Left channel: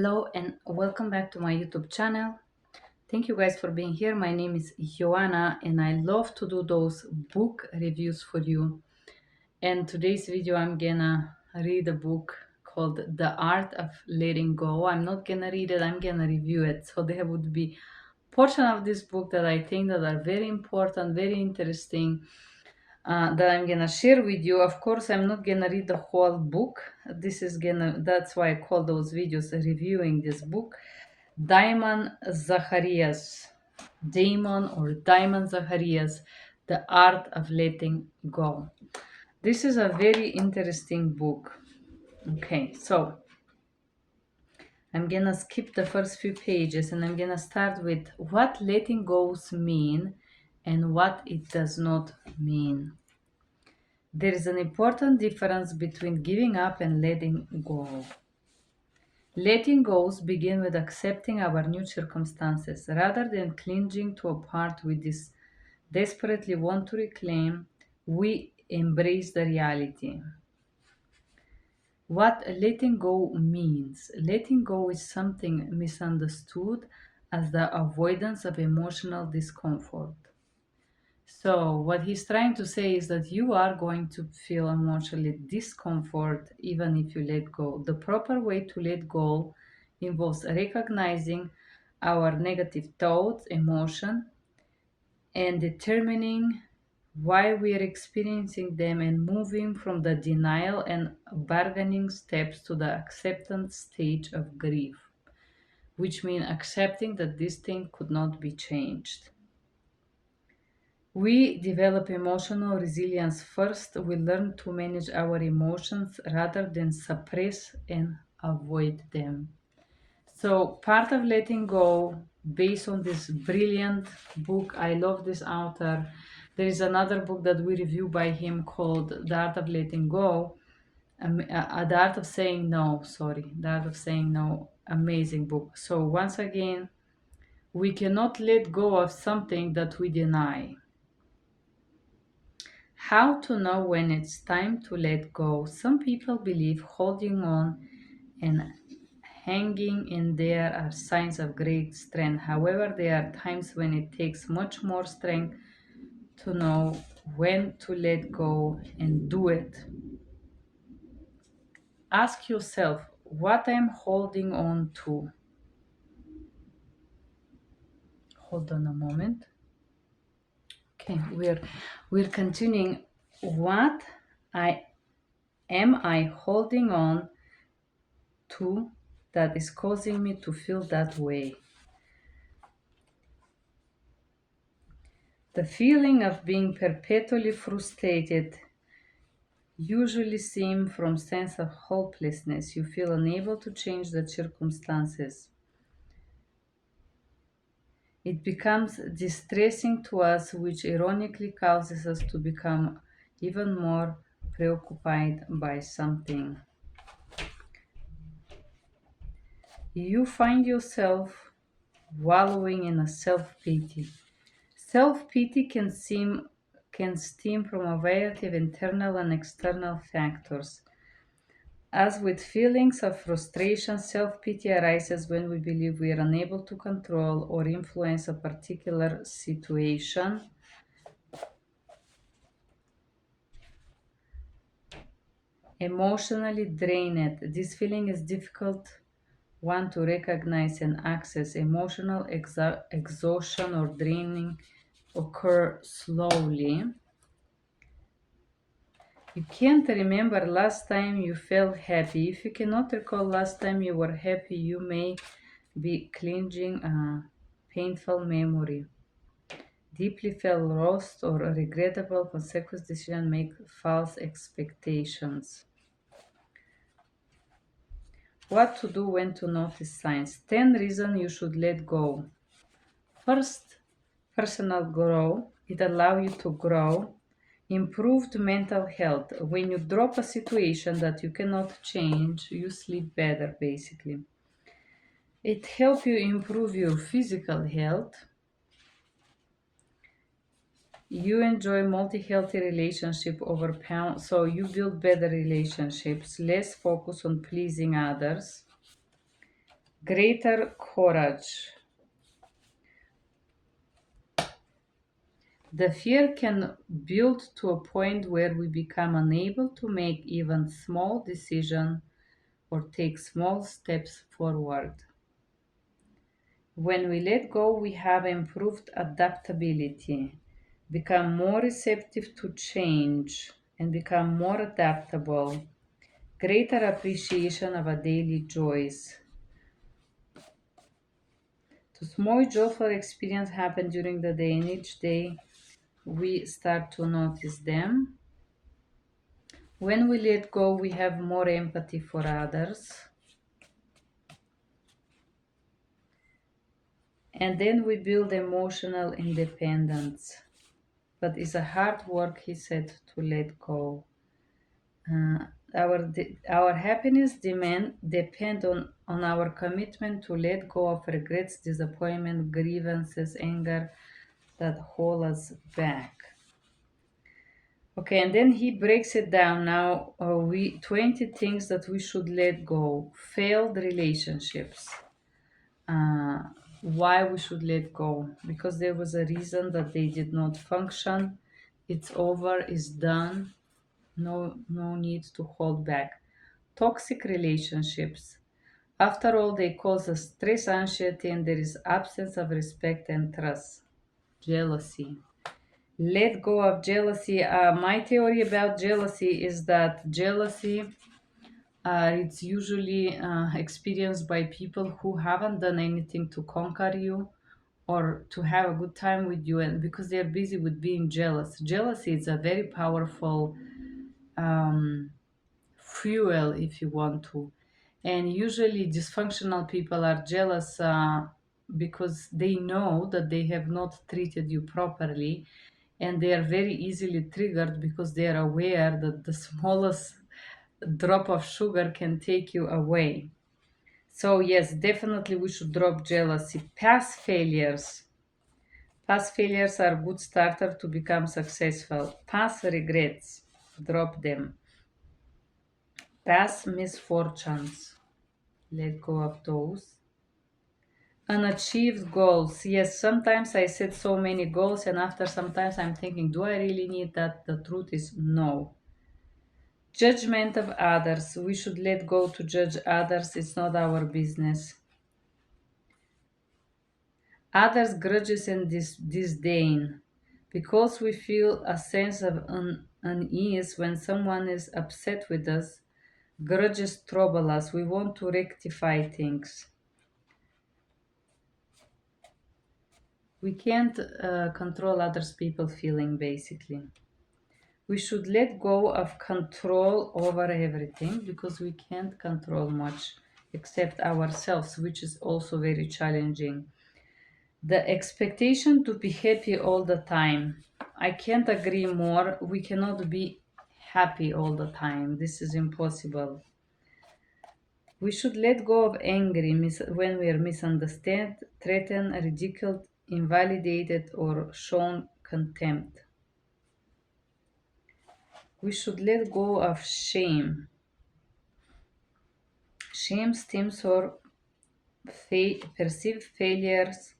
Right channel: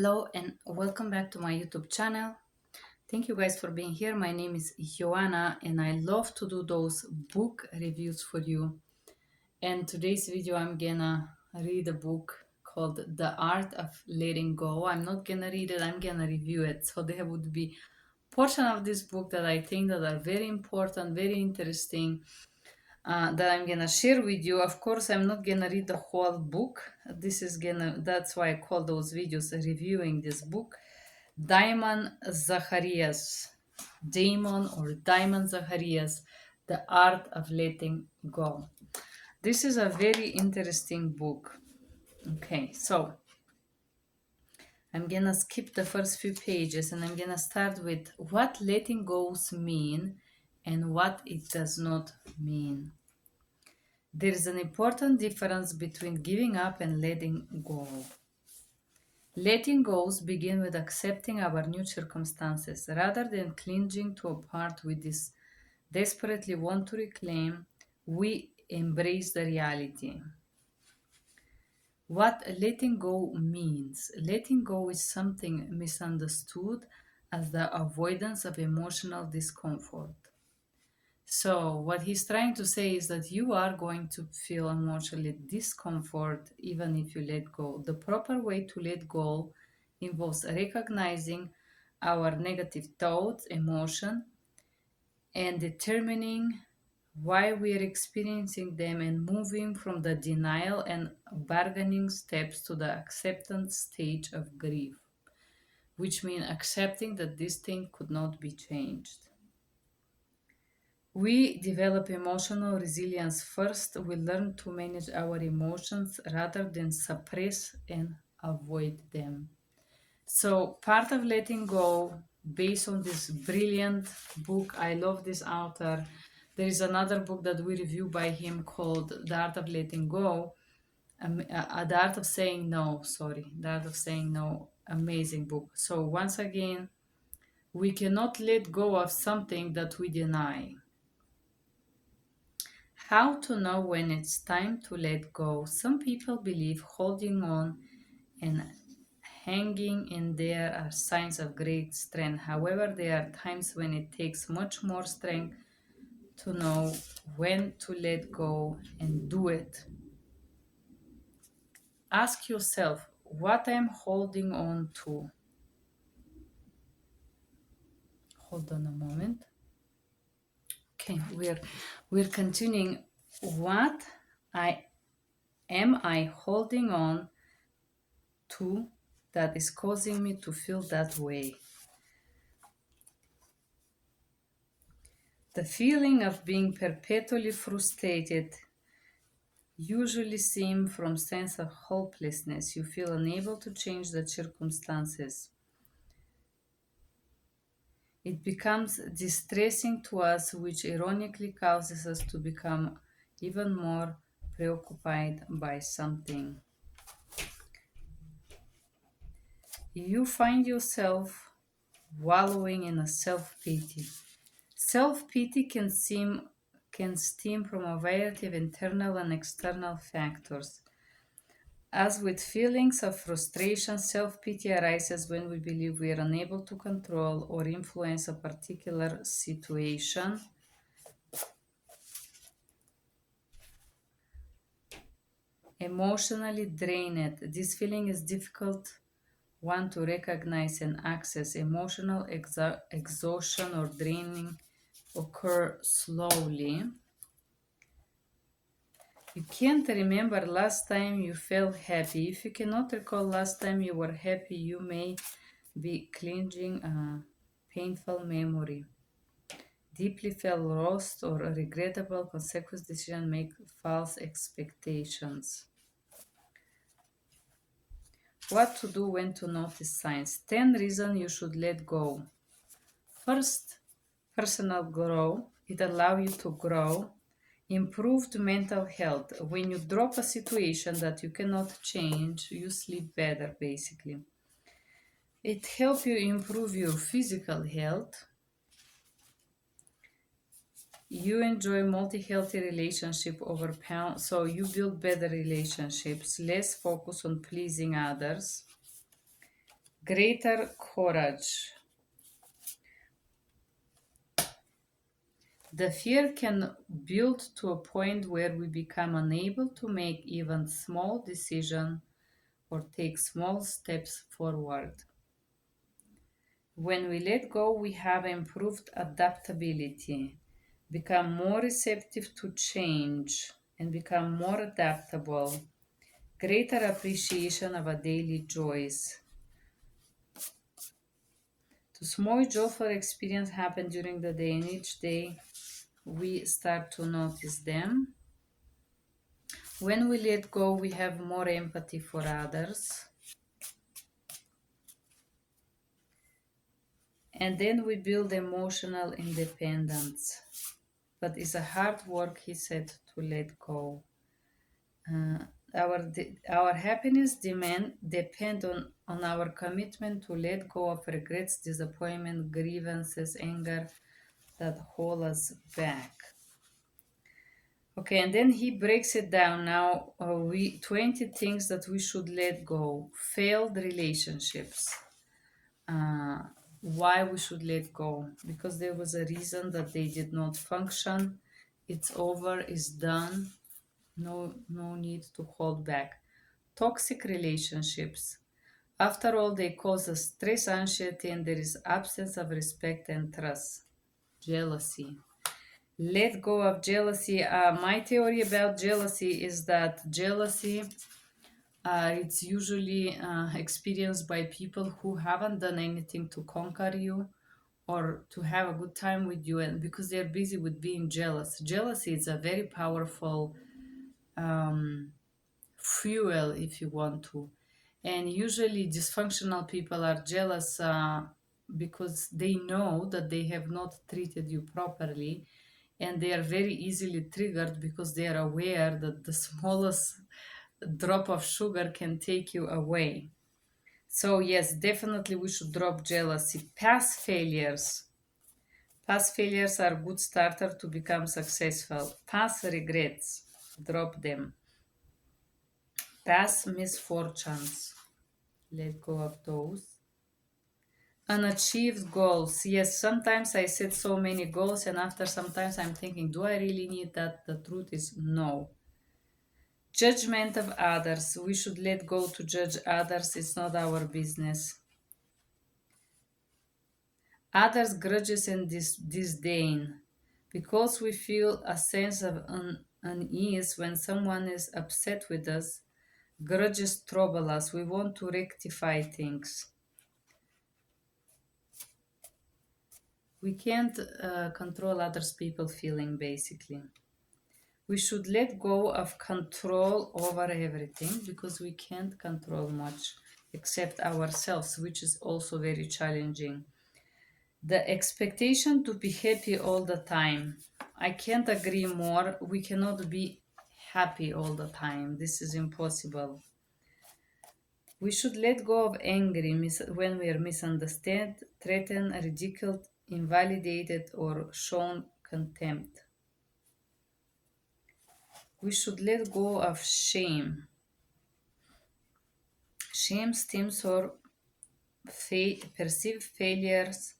Hello and welcome back to my YouTube channel. Thank you guys for being here. My name is Joanna and I love to do those book reviews for you. And today's video I'm gonna read a book called The Art of Letting Go. I'm not gonna read it, I'm gonna review it. So there would be portion of this book that I think that are very important, very interesting, that I'm gonna share with you. Of course, I'm not gonna read the whole book. That's why I call those videos reviewing this book. Diamond Zacharias, Diamond Zacharias, The Art of Letting Go. This is a very interesting book. Okay, so I'm gonna skip the first few pages and I'm gonna start with what letting goes mean and what it does not mean. There is an important difference between giving up and letting go. Letting goes begin with accepting our new circumstances rather than clinging to a part we desperately want to reclaim. We embrace the reality. What letting go means? Letting go is something misunderstood as the avoidance of emotional discomfort. So, what he's trying to say is that you are going to feel emotionally discomfort even if you let go. The proper way to let go involves recognizing our negative thoughts, emotion, and determining why we are experiencing them and moving from the denial and bargaining steps to the acceptance stage of grief, which means accepting that this thing could not be changed. We develop emotional resilience first. We learn to manage our emotions rather than suppress and avoid them. So, part of letting go, based on this brilliant book, I love this author. There is another book that we review by him called The Art of Letting Go. The Art of Saying No, sorry. The Art of Saying No. Amazing book. So, once again, we cannot let go of something that we deny. How to know when it's time to let go? Some people believe holding on and hanging in there are signs of great strength. However, there are times when it takes much more strength to know when to let go and do it. Ask yourself what I'm holding on to. Hold on a moment. Okay, we're continuing. What I am holding on to that is causing me to feel that way? The feeling of being perpetually frustrated usually stems from sense of hopelessness. You feel unable to change the circumstances. It becomes distressing to us, which ironically causes us to become even more preoccupied by something. You find yourself wallowing in a self-pity. Self-pity can stem from a variety of internal and external factors. As with feelings of frustration, self-pity arises when we believe we are unable to control or influence a particular situation. Emotionally drained. This feeling is difficult one to recognize and access. Emotional exhaustion or draining occur slowly. You can't remember last time you felt happy. If you cannot recall last time you were happy, you may be clinging a painful memory. Deeply felt lost or a regrettable consequence decision make false expectations. What to do when to notice signs. 10 reasons you should let go. First, personal growth. It allows you to grow. Improved mental health. When you drop a situation that you cannot change, you sleep better basically. It helps you improve your physical health. You enjoy multi-healthy relationship over pound, so you build better relationships, less focus on pleasing others. greater courage. The fear can build to a point where we become unable to make even small decisions or take small steps forward. When we let go, we have improved adaptability, become more receptive to change, and become more adaptable, greater appreciation of our daily joys. So small joyful experience happen during the day, and each day we start to notice them. When we let go, we have more empathy for others. And then we build emotional independence. But it's a hard work, he said, to let go. Uh, our happiness depend on our commitment to let go of regrets, disappointment, grievances, anger that hold us back. Okay, and then he breaks it down. Now, we 20 things that we should let go. Failed relationships. Uh, why we should let go? Because there was a reason that they did not function. It's over. It's done. No need to hold back. Toxic relationships. After all, they cause us stress, anxiety, and there is absence of respect and trust. Jealousy. Let go of jealousy. My theory about jealousy is that jealousy it's usually experienced by people who haven't done anything to conquer you or to have a good time with you, and because they're busy with being jealous. Jealousy is a very powerful um, fuel, if you want to. And usually, dysfunctional people are jealous because they know that they have not treated you properly, and they are very easily triggered because they are aware that the smallest drop of sugar can take you away. So, yes, definitely we should drop jealousy. Past failures. Past failures are good starter to become successful. Past regrets. Drop them. Past misfortunes. Let go of those. Unachieved goals. Yes, sometimes I set so many goals, and after sometimes I'm thinking, do I really need that? The truth is no. Judgment of others. We should let go to judge others. It's not our business. Others' grudges and disdain. Because we feel a sense of unease when someone is upset with us, grudges trouble us. We want to rectify things. We can't control others' people feeling, basically. We should let go of control over everything because we can't control much except ourselves, which is also very challenging. The expectation to be happy all the time. I can't agree more. We cannot be happy all the time. This is impossible. We should let go of anger when we are misunderstood, threatened, ridiculed, invalidated, or shown contempt. We should let go of shame. Shame stems for perceived failures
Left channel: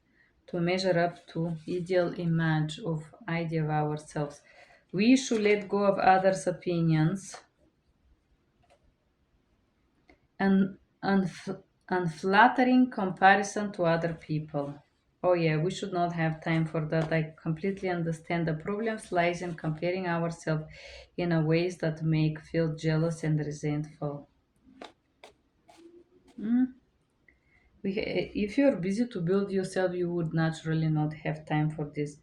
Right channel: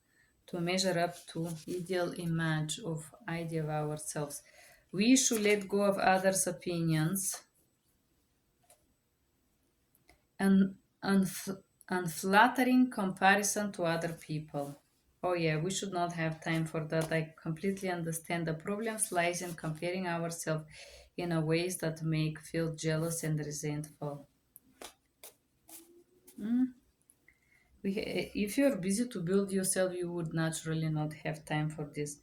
to measure up to ideal image of idea of ourselves. We should let go of others' opinions and unflattering comparison to other people. Oh yeah, we should not have time for that. I completely understand the problems lies in comparing ourselves in a ways that make feel jealous and resentful. Mm. If you're busy to build yourself, you would naturally not have time for this.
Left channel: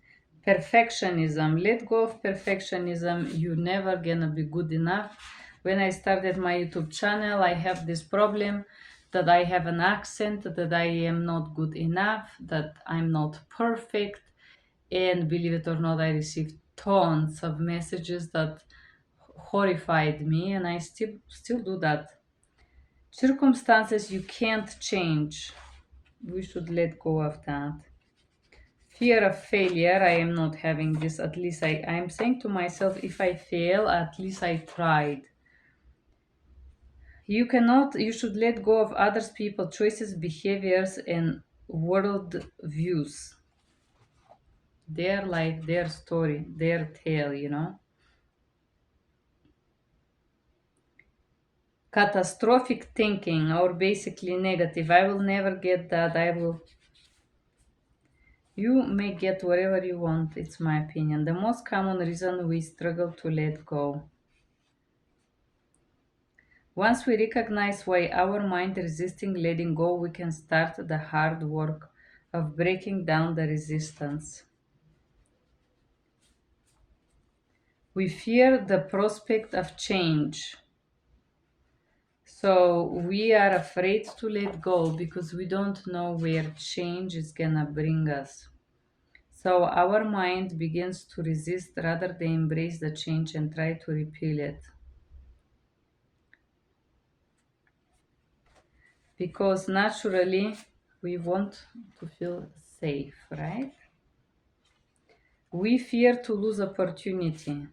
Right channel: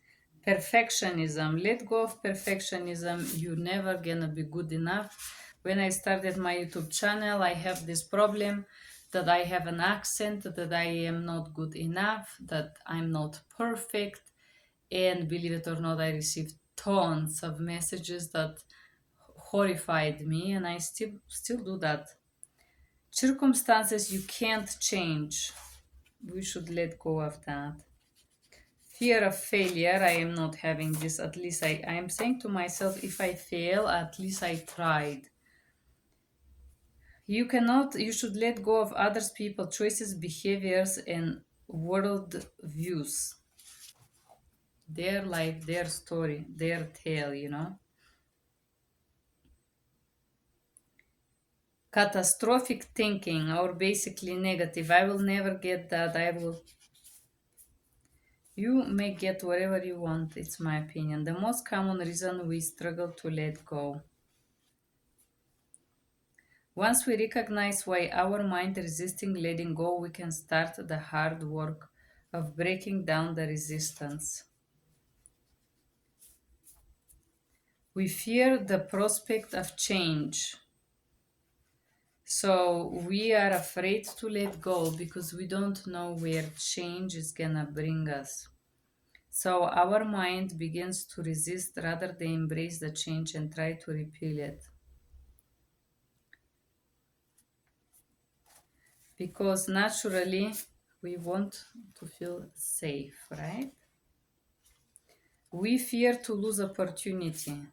Perfectionism. Let go of perfectionism. You're never gonna be good enough. When I started my YouTube channel, I have this problem that I have an accent, that I am not good enough, that I'm not perfect. And believe it or not, I received tons of messages that horrified me, and I still do that. Circumstances you can't change. We should let go of that. Fear of failure. I am not having this. At least I'm saying to myself, if I fail, at least I tried. You should let go of others, people, choices, behaviors, and world views. Their life, their story, their tale. Catastrophic thinking, or basically negative. I will never get that. You may get whatever you want, it's my opinion. The most common reason we struggle to let go. Once we recognize why our mind resisting letting go, we can start the hard work of breaking down the resistance. We fear the prospect of change. So we are afraid to let go because we don't know where change is gonna bring us. So our mind begins to resist rather than embrace the change and try to repel it. Because naturally we want to feel safe, right? We fear to lose opportunity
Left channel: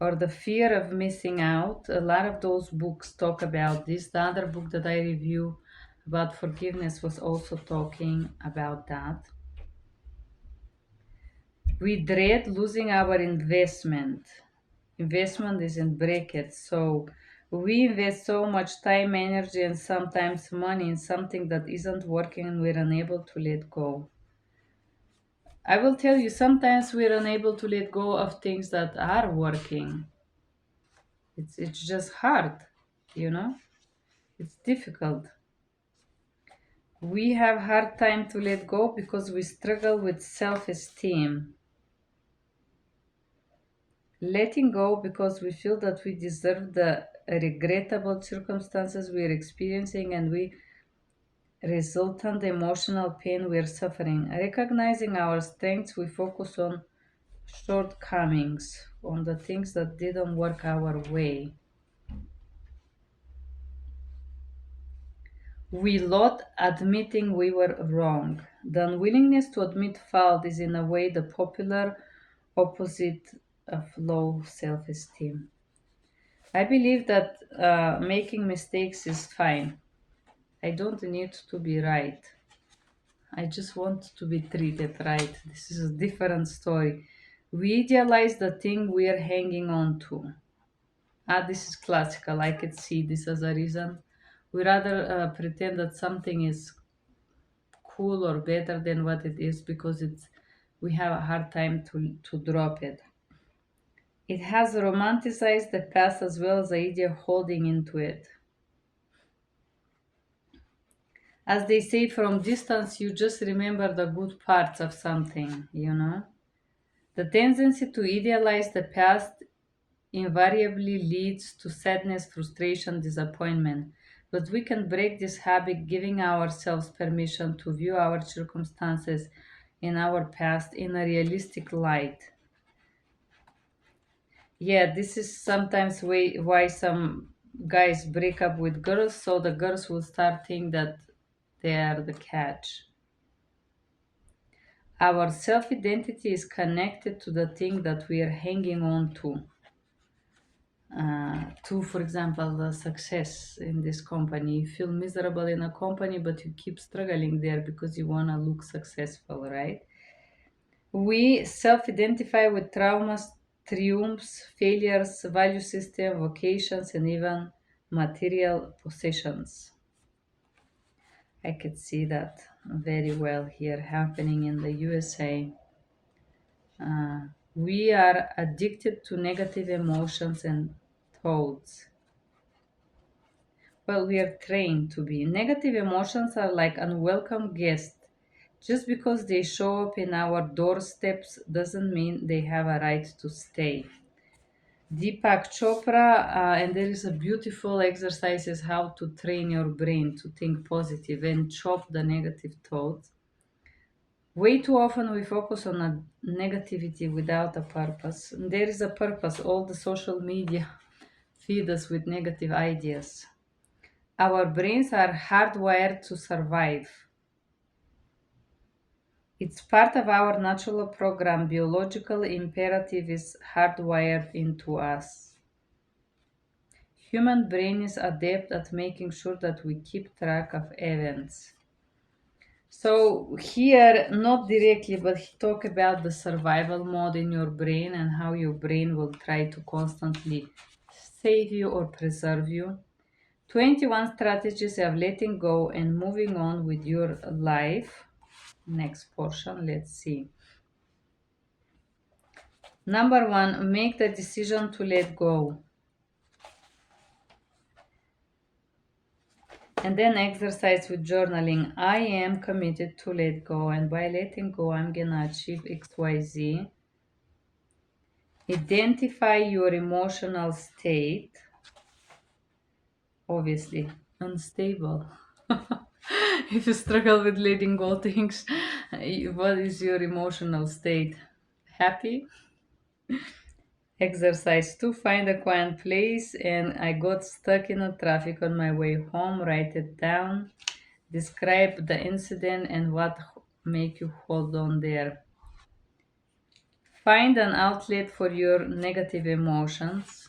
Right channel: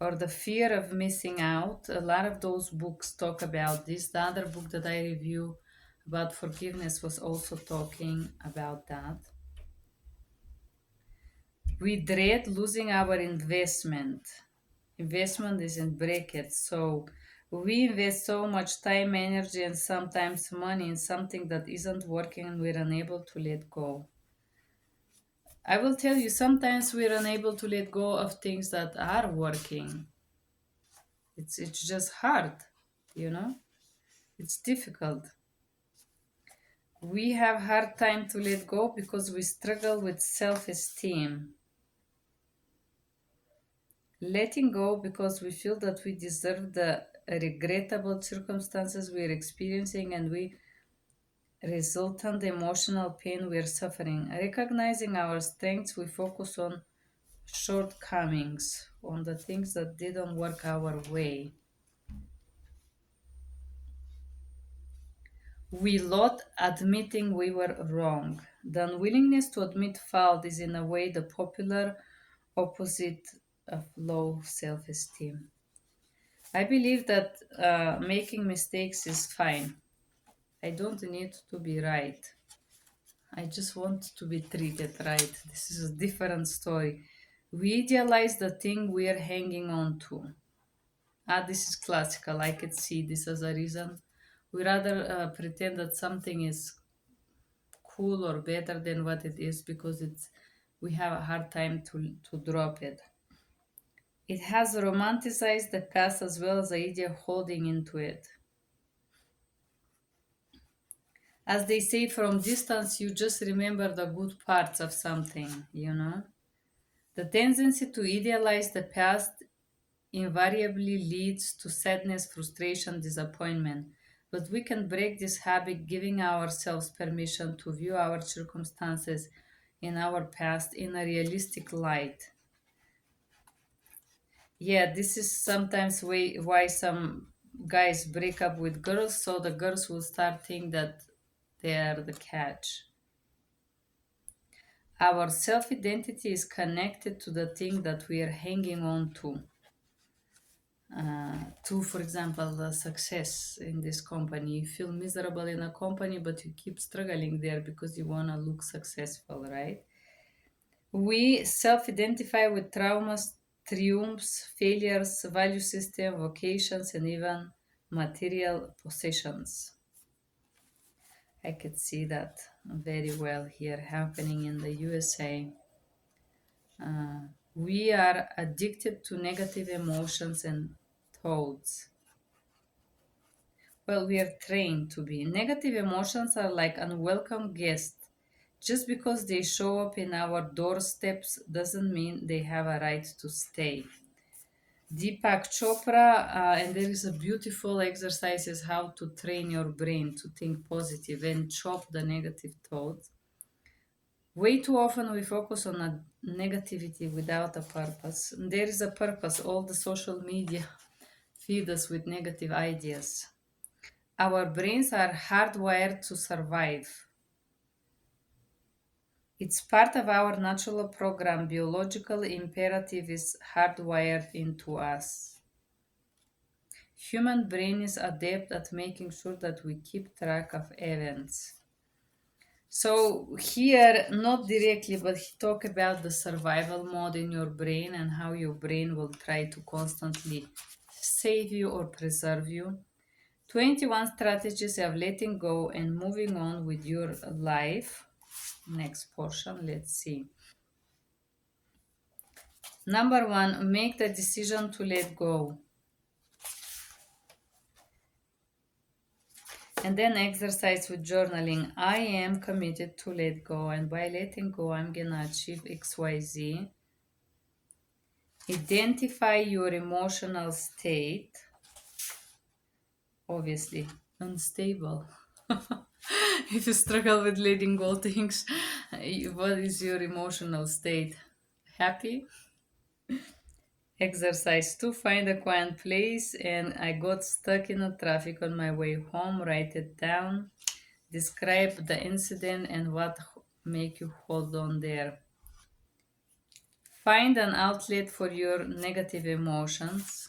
or the fear of missing out. A lot of those books talk about this. The other book that I review about forgiveness was also talking about that. We dread losing our investment. Investment is in brackets. So we invest so much time, energy, and sometimes money in something that isn't working and we're unable to let go. I will tell you, sometimes we're unable to let go of things that are working. It's just hard, you know? It's difficult. We have hard time to let go because we struggle with self-esteem. Letting go because we feel that we deserve the regrettable circumstances we're experiencing and we resultant emotional pain we're suffering. Recognizing our strengths, we focus on shortcomings, on the things that didn't work our way. We lot admitting we were wrong. The unwillingness to admit fault is in a way the popular opposite of low self-esteem. I believe that making mistakes is fine. I don't need to be right. I just want to be treated right. This is a different story. We idealize the thing we are hanging on to. This is classical. I could see this as a reason. We rather pretend that something is cool or better than what it is because we have a hard time to drop it. It has romanticized the past as well as the idea of holding into it. As they say, from distance, you just remember the good parts of something. The tendency to idealize the past invariably leads to sadness, frustration, disappointment. But we can break this habit giving ourselves permission to view our circumstances in our past in a realistic light. Yeah, this is sometimes why some guys break up with girls, so the girls will start thinking that they are the catch. Our self identity is connected to the thing that we are hanging on to, for example, success in this company. You feel miserable in a company, but you keep struggling there because you want to look successful, right? We self identify with traumas, triumphs, failures, value system, vocations, and even material possessions. I could see that very well here happening in the USA. Uh, we are addicted to negative emotions and thoughts. Well, we are trained to be. Negative emotions are like unwelcome guests. Just because they show up in our doorsteps doesn't mean they have a right to stay. Deepak Chopra, and there is a beautiful exercise is how to train your brain to think positive and chop the negative thoughts. Way too often we focus on a negativity without a purpose. There is a purpose. All the social media feed us with negative ideas. Our brains are hardwired to survive. It's part of our natural program. Biological imperative is hardwired into us. Human brain is adept at making sure that we keep track of events. So here, not directly, but he talk about the survival mode in your brain and how your brain will try to constantly save you or preserve you. 21 strategies of letting go and moving on with your life. Next portion, let's see. Number one, make the decision to let go. And then exercise with journaling. I am committed to let go, and by letting go, I'm gonna achieve XYZ. Identify your emotional state. Obviously, unstable. If you struggle with letting go things, what is your emotional state? Happy? Exercise 2, find a quiet place, and I got stuck in a traffic on my way home. Write it down. Describe the incident and what make you hold on there. Find an outlet for your negative emotions.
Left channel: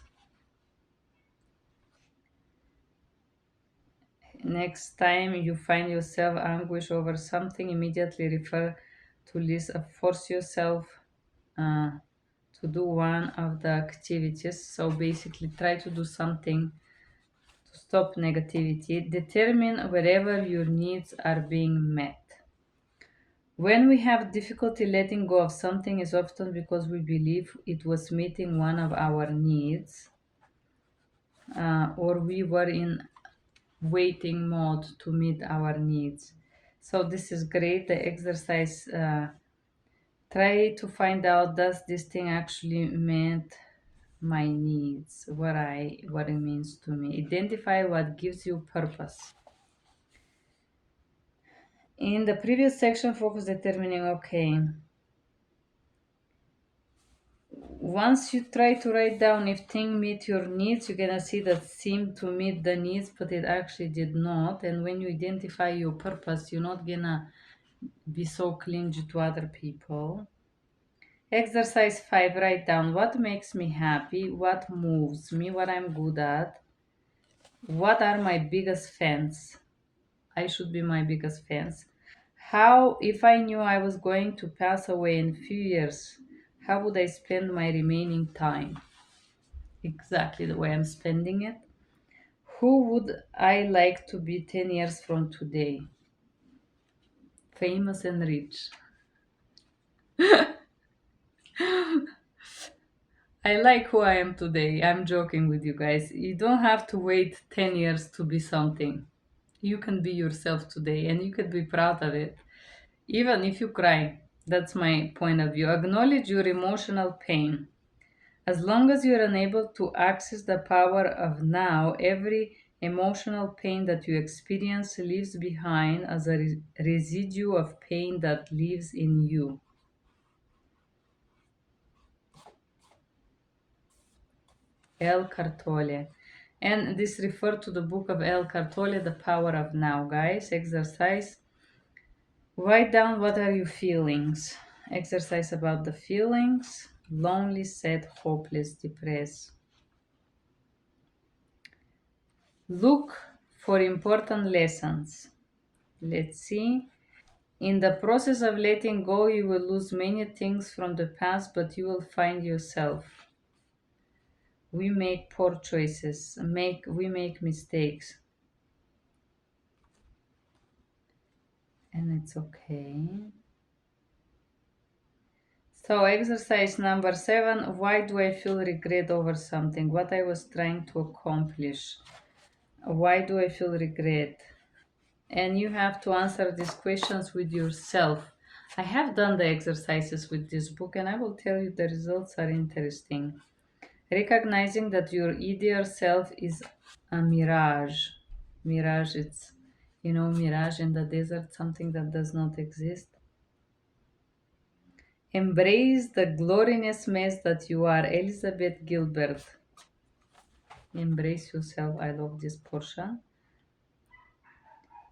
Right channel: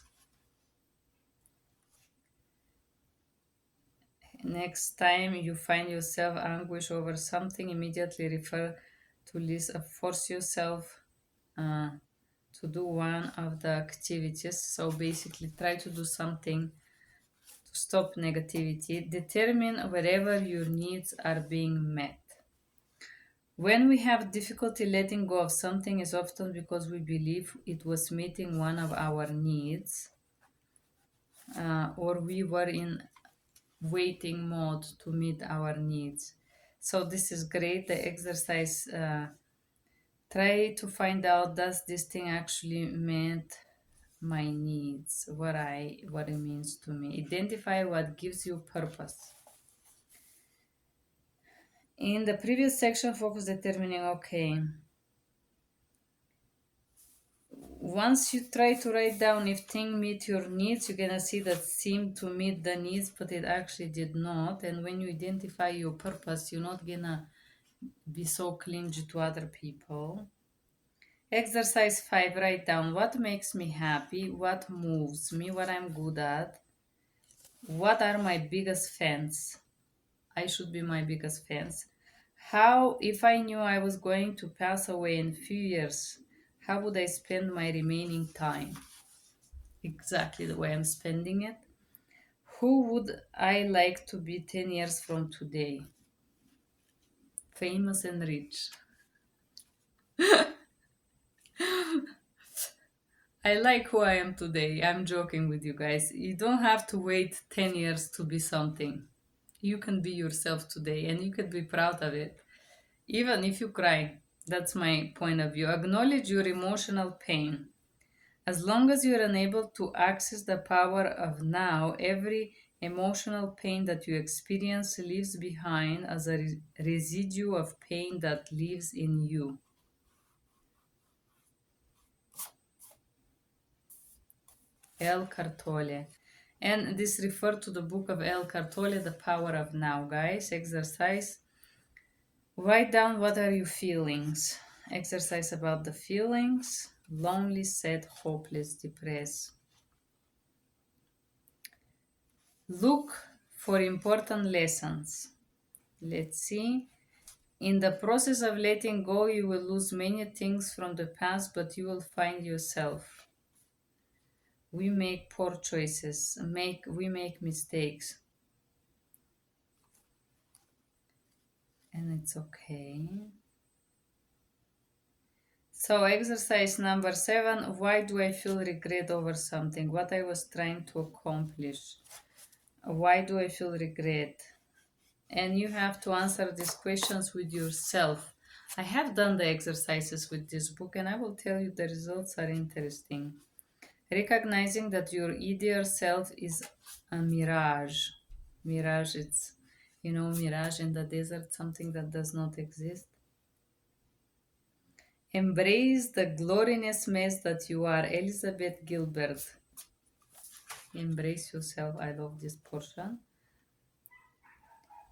Next time you find yourself anguish over something, immediately refer to list of force yourself uh, to do one of the activities. So basically try to do something to stop negativity. Determine wherever your needs are being met. When we have difficulty letting go of something is often because we believe it was meeting one of our needs, or we were in waiting mode to meet our needs. So this is great. The exercise, try to find out, does this thing actually meet my needs, what it means to me. Identify what gives you purpose. In the previous section, focus determining, okay, once you try to write down if thing meet your needs, you're gonna see that seemed to meet the needs, but it actually did not. And when you identify your purpose, you're not gonna be so clingy to other people. Exercise 5, write down what makes me happy, what moves me, what I'm good at, what are my biggest fans. I should be my biggest fans. How, if I knew I was going to pass away in a few years, how would I spend my remaining time? Exactly the way I'm spending it. Who would I like to be 10 years from today? Famous and rich. I like who I am today. I'm joking with you guys. You don't have to wait 10 years to be something. You can be yourself today and you can be proud of it. Even if you cry, that's my point of view. Acknowledge your emotional pain. As long as you're unable to access the power of now, every emotional pain that you experience leaves behind as a residue of pain that lives in you. El Cartole. And this refers to the book of El Cartole, The Power of Now. Guys, exercise. Write down what are your feelings. Exercise about the feelings. Lonely, sad, hopeless, depressed. Look for important lessons. Let's see. In the process of letting go, you will lose many things from the past, but you will find yourself. We make poor choices, we make mistakes, and it's okay. So exercise number 7, why do I feel regret over something? What I was trying to accomplish. Why do I feel regret? And you have to answer these questions with yourself. I have done the exercises with this book and I will tell you the results are interesting. Recognizing that your ideal self is a mirage. Mirage, it's, mirage in the desert, something that does not exist. Embrace the glorious mess that you are. Elizabeth Gilbert. Embrace yourself. I love this portion.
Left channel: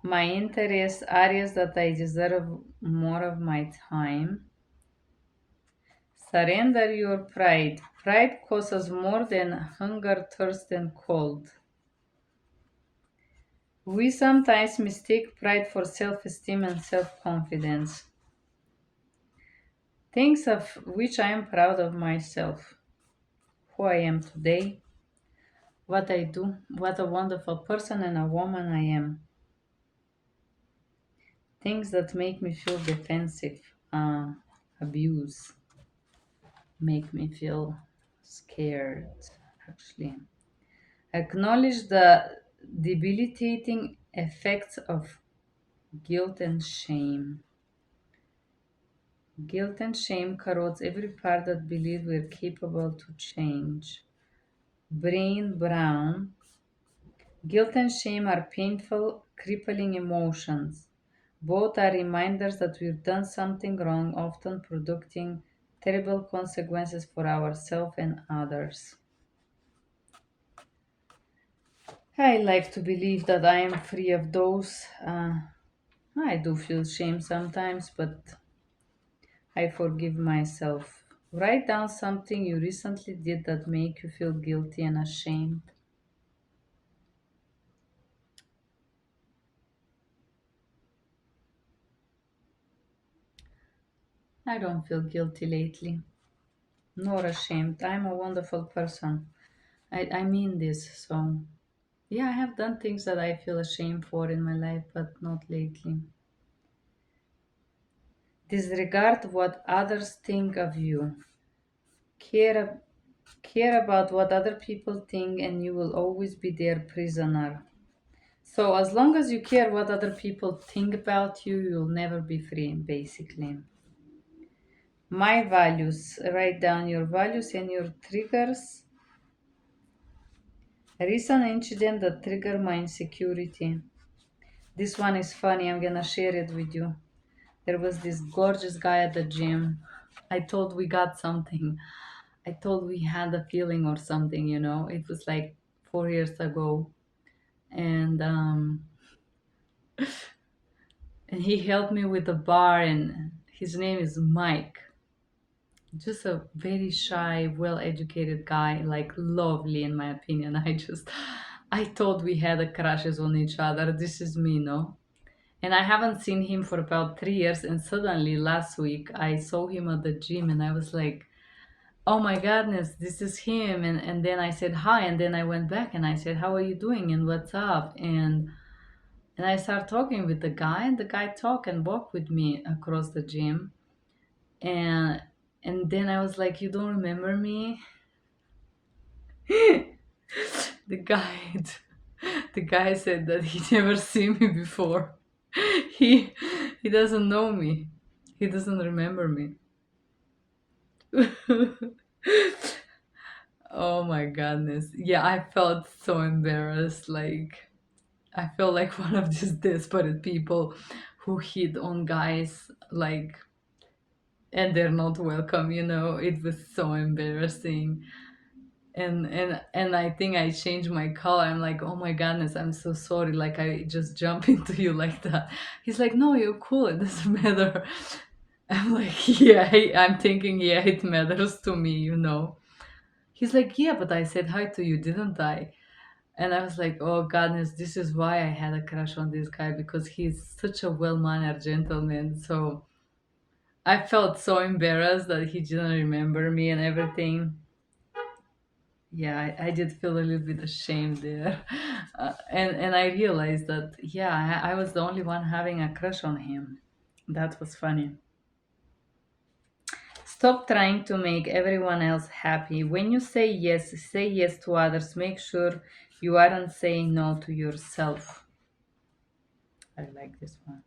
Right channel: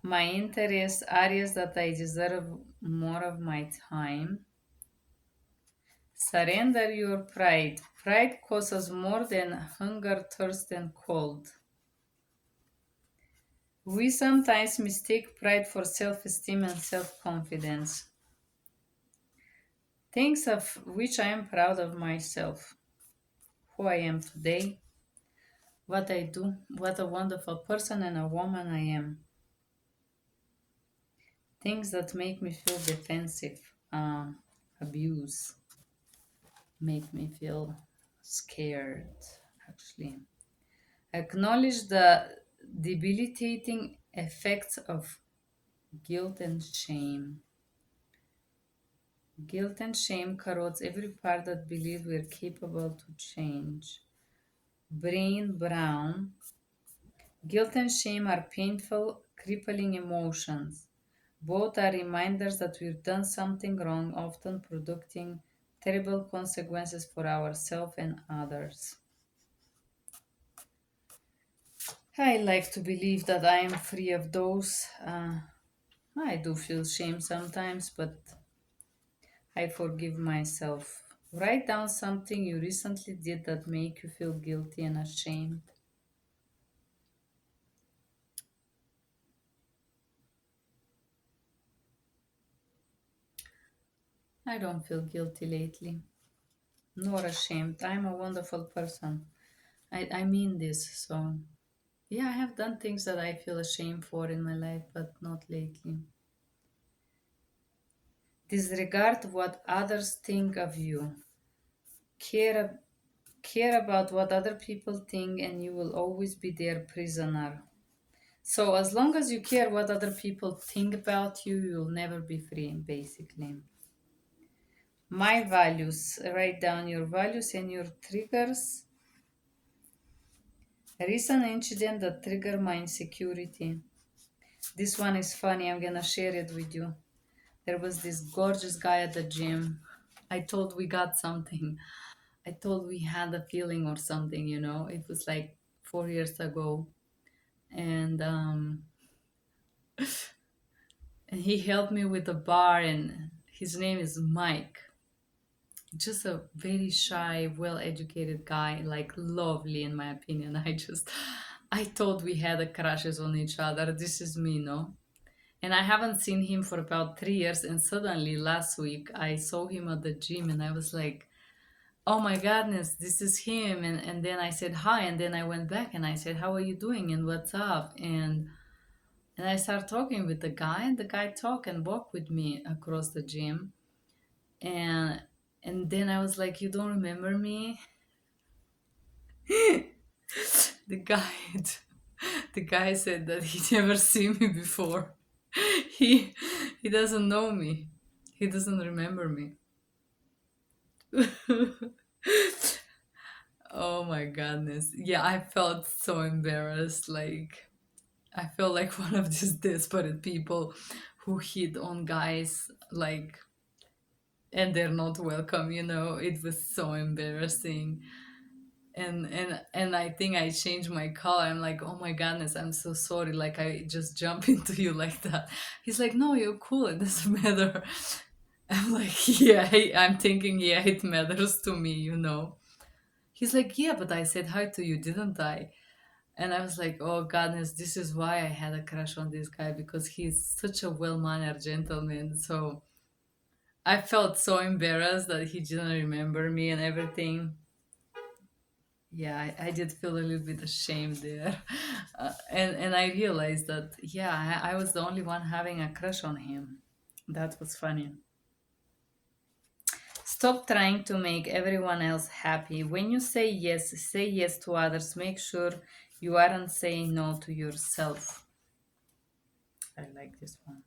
My interests, areas that I deserve more of my time. Surrender your pride. Pride causes more than hunger, thirst, and cold. We sometimes mistake pride for self esteem and self confidence. Things of which I am proud of myself, who I am today, what I do, what a wonderful person and a woman I am. Things that make me feel defensive, abuse, make me feel scared, actually. Acknowledge the debilitating effects of guilt and shame. Guilt and shame corrodes every part that believes we're capable to change. Brain Brown. Guilt and shame are painful, crippling emotions. Both are reminders that we've done something wrong, often producing terrible consequences for ourselves and others. I like to believe that I am free of those. I do feel shame sometimes, but I forgive myself. Write down something you recently did that make you feel guilty and ashamed. I don't feel guilty lately, nor ashamed. I'm a wonderful person. I mean this. So, yeah, I have done things that I feel ashamed for in my life, but not lately. Disregard what others think of you. Care, care about what other people think, and you will always be their prisoner. So, as long as you care what other people think about you, you'll never be free, basically. My values. Write down your values and your triggers. A recent incident that triggered my insecurity. This one is funny. I'm gonna share it with you. There was this gorgeous guy at the gym. I thought we got something. I thought we had a feeling or something, you know. It was like 4 years ago. And and he helped me with the bar, and his name is Mike. Just a very shy, well educated guy, like lovely in my opinion. I thought we had a crushes on each other. This is me, no? And I haven't seen him for about 3 years, and suddenly last week I saw him at the gym and I was like, oh my goodness, this is him. And then I said hi, and then I went back and I said, how are you doing and what's up? And I started talking with the guy, and the guy talked and walked with me across the gym. And and then I was like, you don't remember me? the guy the guy said that he never seen me before. he he doesn't know me. He doesn't remember me. Oh my goodness. Yeah, I felt so embarrassed. Like I felt like one of these desperate people who hit on guys like and they're not welcome, you know. It was so embarrassing. And I think I changed my color. I'm like, oh my goodness, I'm so sorry. Like I just jump into you like that. He's like, no, you're cool. It doesn't matter. I'm like, yeah, I'm thinking, yeah, it matters to me, you know. He's like, yeah, but I said hi to you, didn't I? And I was like, oh goodness, this is why I had a crush on this guy because he's such a well-mannered gentleman. So I felt so embarrassed that he didn't remember me and everything. Yeah, I did feel a little bit ashamed there. And I realized that, yeah, I was the only one having a crush on him. That was funny. Stop trying to make everyone else happy. When you say yes to others. Make sure you aren't saying no to yourself. I like this one.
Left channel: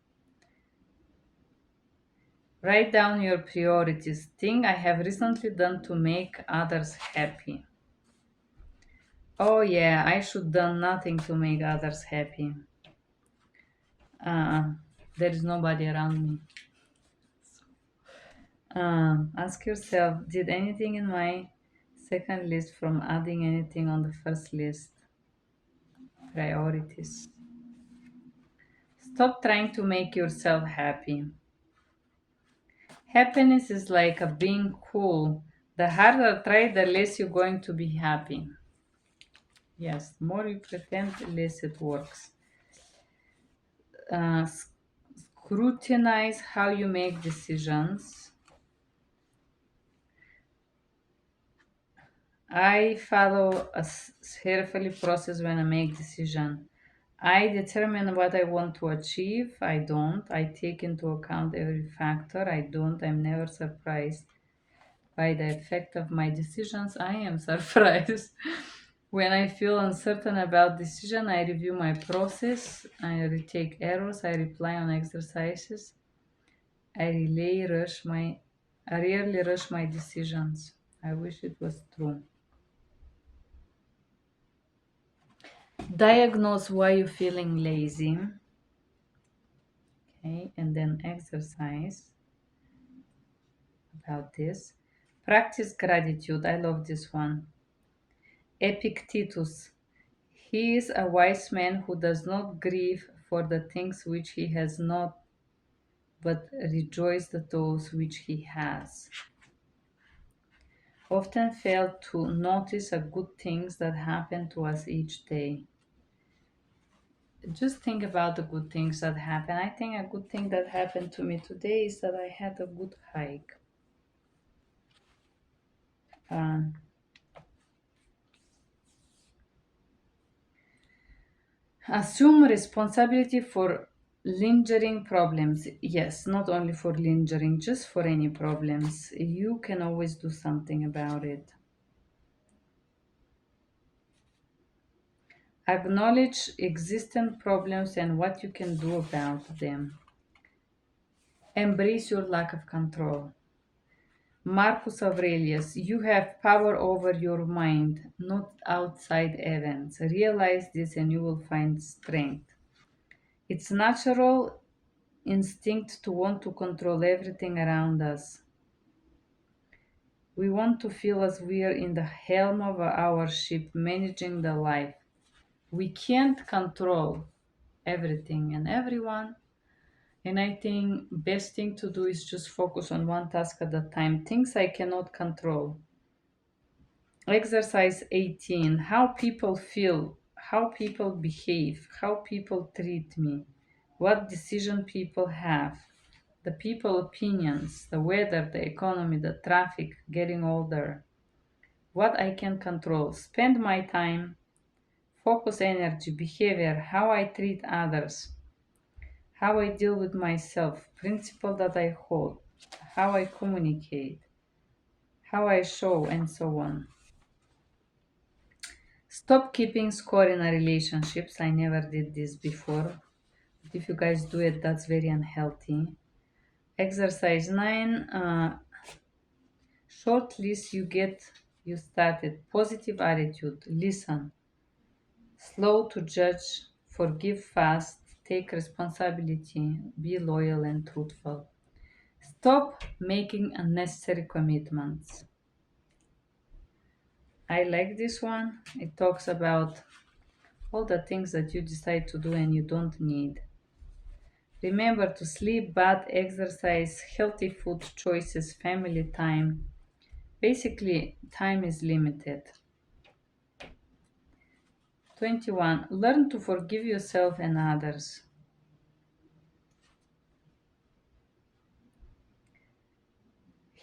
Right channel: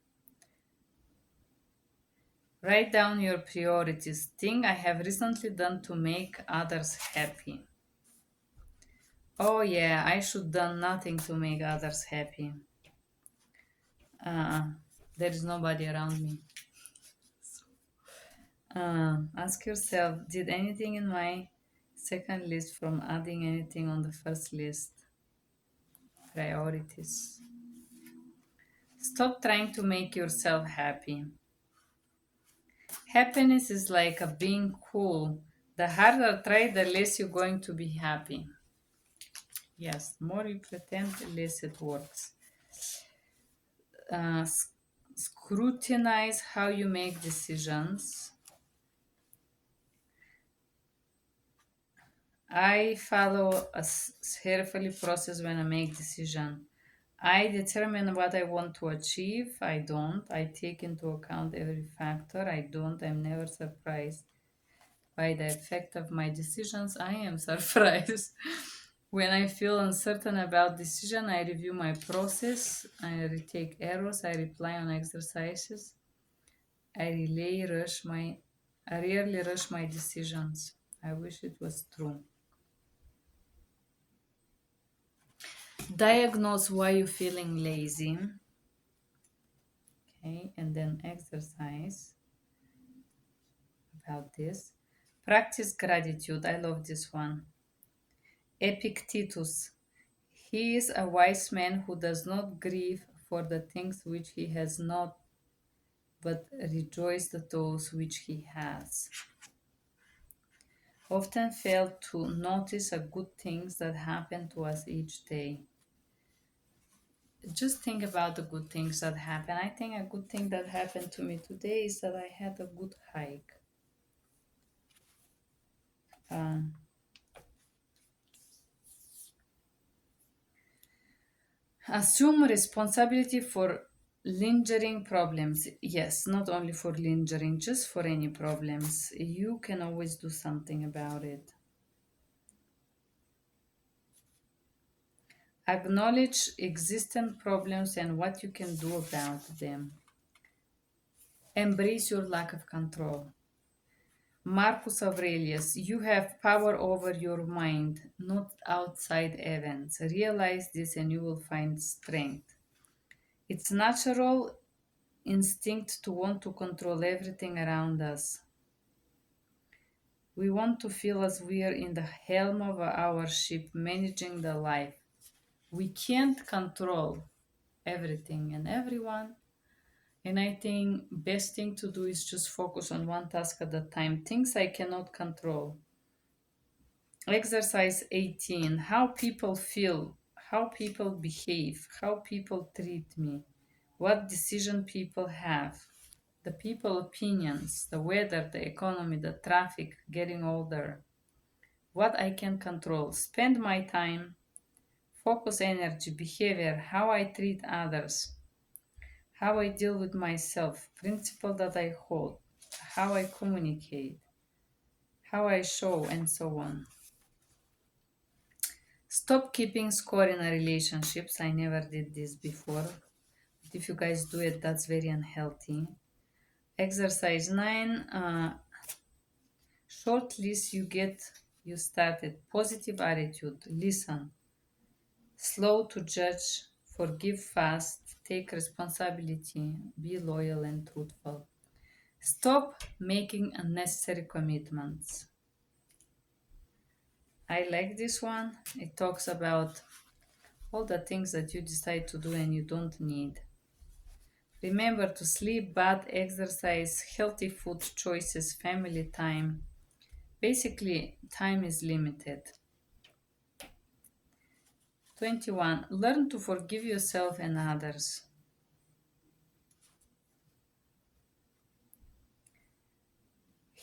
Write down your priorities. Thing I have recently done to make others happy. Oh yeah, I should done nothing to make others happy. Uh, there is nobody around me. Ask yourself, did anything in my second list from adding anything on the first list? Priorities. Stop trying to make yourself happy. Happiness is like a being cool. The harder try, the less you're going to be happy. Yes, the more you pretend, the less it works. Uh, s- Scrutinize how you make decisions. I follow a carefully process when I make decision. I determine what I want to achieve. I don't. I take into account every factor. I don't. I'm never surprised by the effect of my decisions. I am surprised. When I feel uncertain about decision, I review my process. I retake errors. I reply on exercises. I relay rush my I rarely rush my decisions. I wish it was true. Diagnose why you're feeling lazy. Okay, and then exercise about this. Practice gratitude. I love this one. Epictetus. He is a wise man who does not grieve for the things which he has not, but rejoices at those which he has. Often fail to notice the good things that happen to us each day. Just think about the good things that happen. I think a good thing that happened to me today is that I had a good hike. Um, Assume responsibility for lingering problems. Yes, not only for lingering, just for any problems. You can always do something about it. Acknowledge existing problems and what you can do about them. Embrace your lack of control. Marcus Aurelius, you have power over your mind, not outside events. Realize this and you will find strength. It's natural instinct to want to control everything around us. We want to feel as we are in the helm of our ship, managing the life. We can't control everything and everyone. And I think best thing to do is just focus on one task at a time. Things I cannot control. Exercise 18. How people feel, how people behave, how people treat me, what decision people have, the people opinions, the weather, the economy, the traffic, getting older, what I can control, spend my time, focus energy, behavior, how I treat others, how I deal with myself, principle that I hold, how I communicate, how I show, and so on. Stop keeping score in a relationships. I never did this before. But if you guys do it, that's very unhealthy. Exercise 9. Short list you started. Positive attitude. Listen. Slow to judge. Forgive fast. Take responsibility. Be loyal and truthful. Stop making unnecessary commitments. I like this one. It talks about all the things that you decide to do and you don't need. Remember to sleep, bath, exercise, healthy food choices, family time. Basically, time is limited. 21. Learn to forgive yourself and others.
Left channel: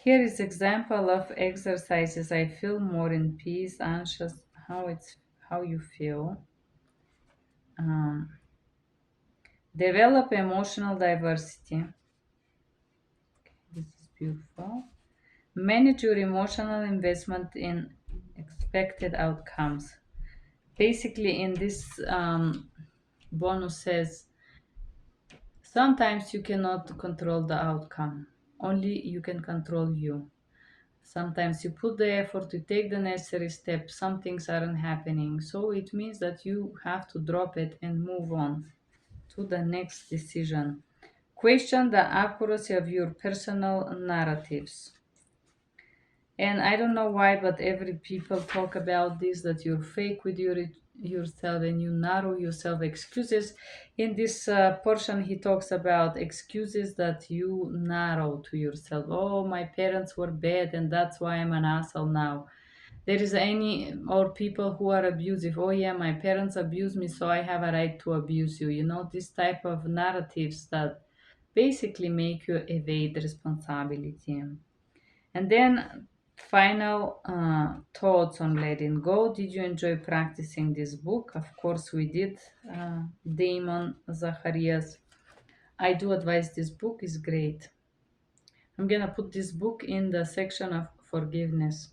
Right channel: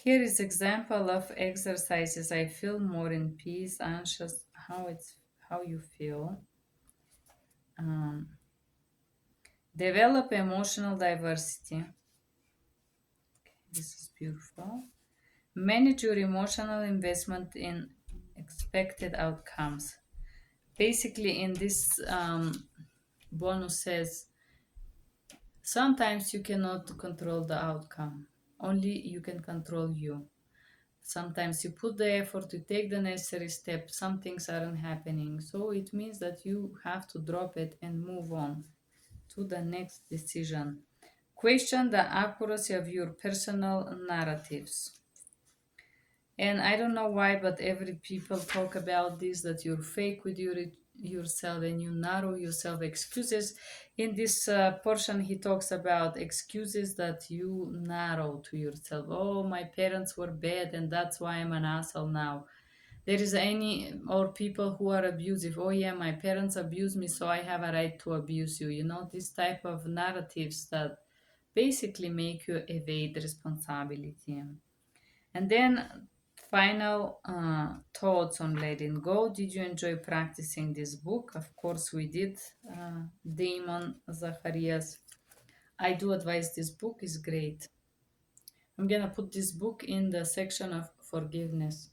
Here is example of exercises. I feel more in peace, anxious, how you feel. Um, Develop emotional diversity. This is beautiful. Manage your emotional investment in expected outcomes. Basically, in this bonus says sometimes you cannot control the outcome, only you can control you. Sometimes you put the effort to take the necessary steps, some things aren't happening, so it means that you have to drop it and move on to the next decision. Question the accuracy of your personal narratives. And I don't know why, but every people talk about this, that you're fake with your yourself and you narrow yourself excuses. In this portion, he talks about excuses that you narrow to yourself. Oh, my parents were bad and that's why I'm an asshole now. There is any or people who are abusive. Oh yeah, my parents abuse me, so I have a right to abuse you. You know, this type of narratives that basically make you evade responsibility. And then final thoughts on letting go. Did you enjoy practicing this book? Of course we did. Damon Zacharias. I do advise this book is great. I'm gonna put this book in the section of forgiveness.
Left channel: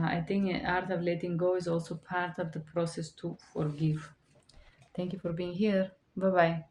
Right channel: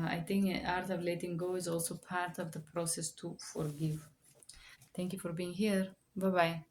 I think art of letting go is also part of the process to forgive. Thank you for being here. Bye bye.